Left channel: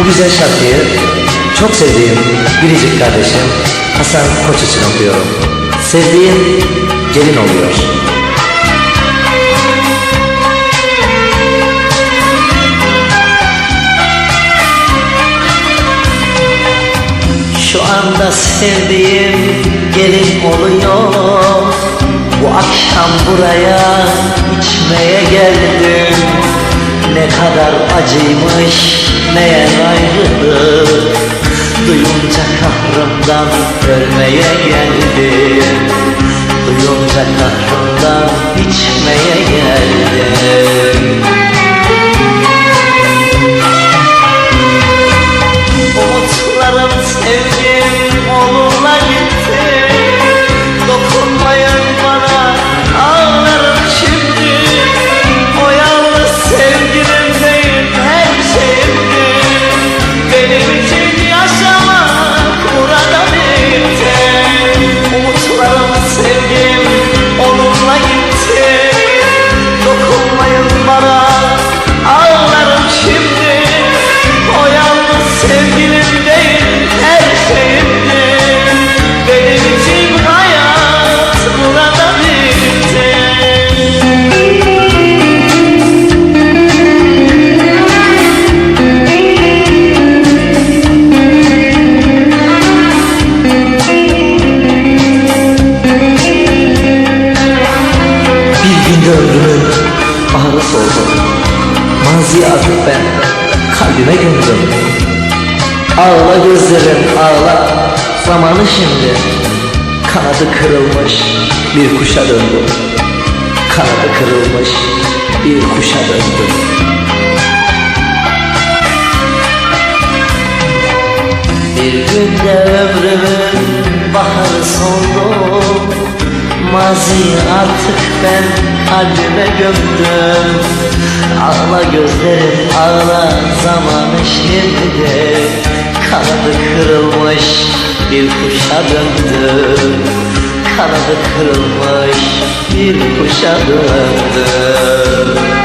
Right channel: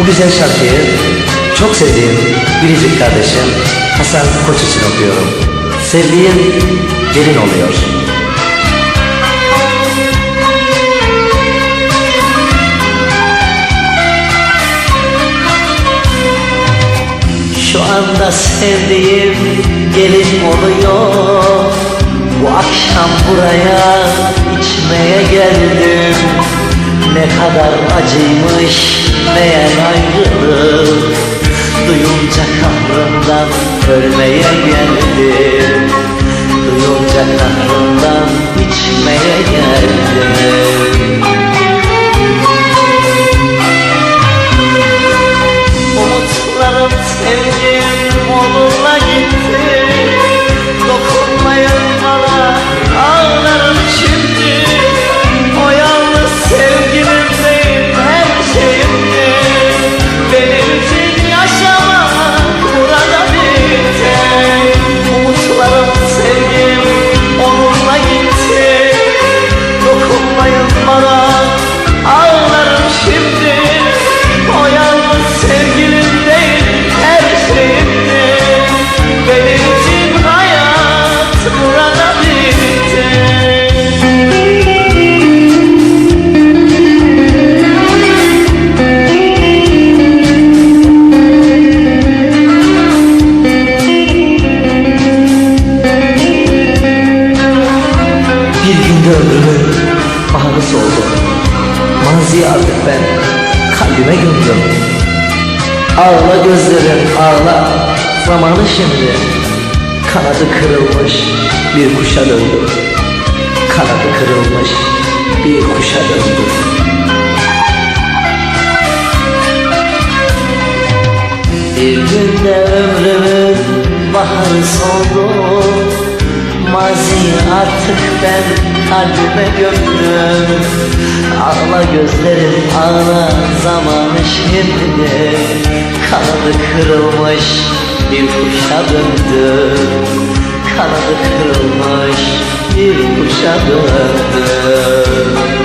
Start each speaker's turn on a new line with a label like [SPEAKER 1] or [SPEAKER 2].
[SPEAKER 1] Bu güzel şarkıyı çok sevdiğim biricik kardeşim Hasan Koç için okuyorum. Sevdiğim gelin oluyor. Şu anda sevdiğim gelin oluyor Bu akşam buraya içmeye geldim Ne kadar acıymış meğer ayrılık? Duyunca kahrımdan ölmeye geldim. Duyunca kahrımdan içmeye geldim Bana ağlarım şimdi. O yalnız sevgilim değil her şeyimdi Benim için hayat burada bitti. Bir günde ömrümün baharı soldu Mazi artık ben kalbime gömdüm. Ağla gözlerim ağla. Zamanı şimdi. Kanadı kırılmış bir kuşa döndüm. Kanadı kırılmış bir kuşa döndüm. Bir günde ömrümün baharı soldu Maziyi artık ben kalbime gömdüm. Ağla gözlerim ağla zamanı şimdi Kanadı kırılmış bir kuşa döndüm. Kanadı kırılmış bir kuşa döndüm